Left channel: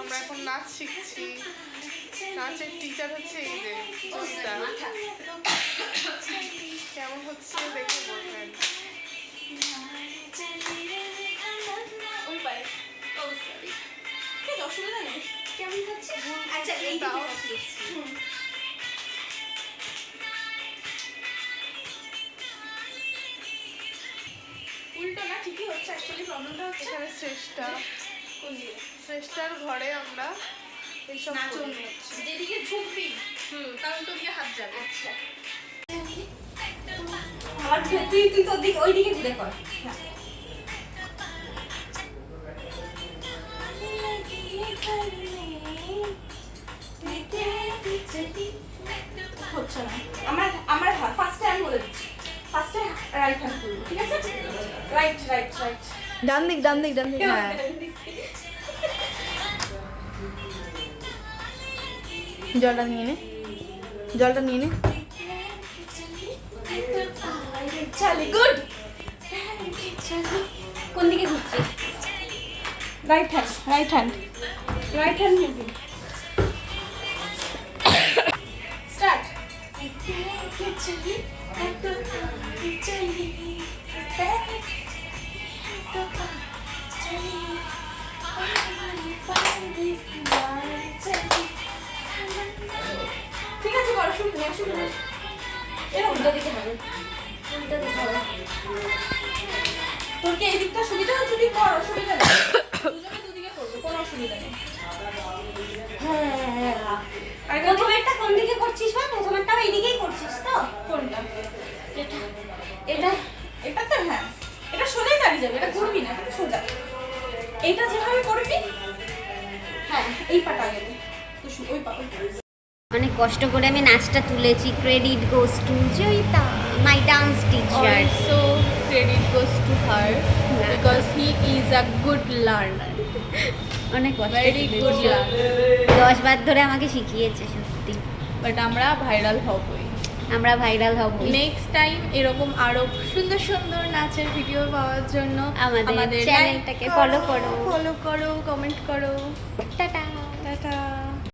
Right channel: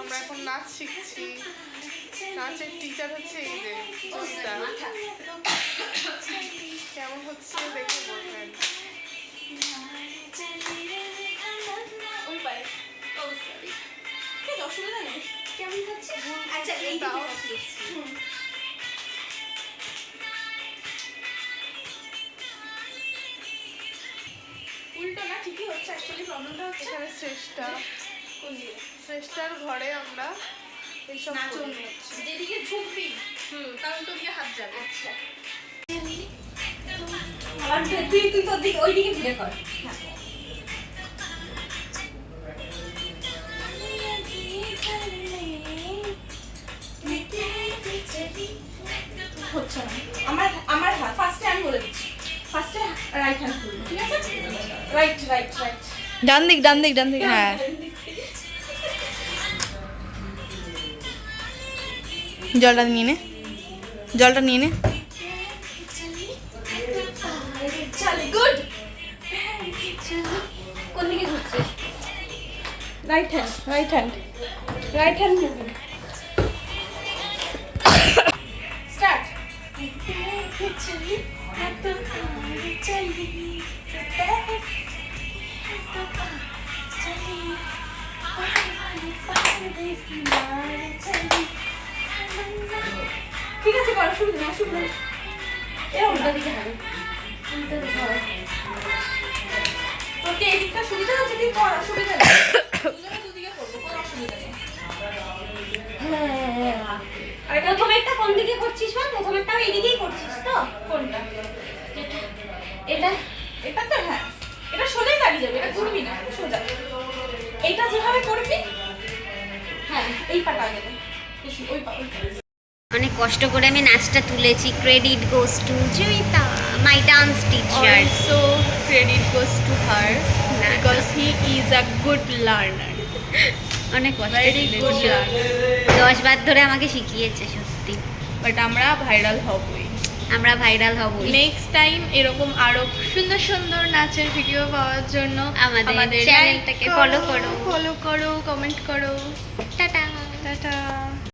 আমরা এখন নাচ শিখছি। নাচের টিচার হচ্ছে এই যে জয়িতা। কেমন হচ্ছে দেখে বলবেন। অসুবিধা নেই, কেমন হচ্ছে? আচ্ছা এই তাও উল্টো না, ঠিকই হচ্ছে। অ্যাকচুয়ালি প্রবলেমটা হচ্ছে এখানে শ্রেষ্ঠার ঘরে আমরা এইসব নাচন হচ্ছে, যেদিকে ঝুঁকবি কারণ তোর দিকে হাত যাবে। আচ্ছা আবার তুই তোর দিকে ওই দিকে ঘুরে কর। হচ্ছে না আমার ফার্স্টে আমি বলে দিচ্ছি, ফার্স্টে রাইট হ্যান্ড করবো, ঠিক আছে? রাইট রাইট রাইট, ডান দিক ডান দিক ডান দিক। হ্যাঁ, জলটা নিয়ে নে, জলটা নিয়ে নে। চল গুড। কোন দিকে ঘুরছিস? Right hand right hand right hand moving. Start. ঠিক আছে, করো, অসুবিধা নেই, অসুবিধা নেই। এরা উল্টা দিকে হবে, উল্টা দিকে হবে। তোর কি এই দিকটা সুবিধা হচ্ছে? তুই কর, অসুবিধা নেই। দুজনে দুদিকে করবো, কোনো অসুবিধা নেই। হ্যাঁ, প্রথমেরটা কোন দিকে করছিস? প্রথমেরটা এই দিকেই করছিস তো? কোনটা? এটা এটা তো হ্যাঁ, এটা সোজাই দাঁড়িয়ে যাবে, এটা ঘুরবি না, সোজা। এইটা যেভাবে করবি, হ্যাঁ এই পাটা আগে দে, ওই পা। অনেক কষ্ট করে আমি নাচটা তুলেছি। Credit goes to Joyita, my dance teacher. Also credit goes to her because he is a good learner. অনেক কষ্ট Very good learner. 10 বার ধরে আমাকে শিখিয়েছে সত্যি। But আমরা ভাইরাল হবই। আমরা ভাইরাল হব। নেক্সট টাইম এরকম আরো সুন্দর সুন্দর নাচের ভিডিও পাওয়ার জন্য আমাদের চ্যানেলটাকে ফলো করো, কমেন্ট করো। টাটা। টাটা।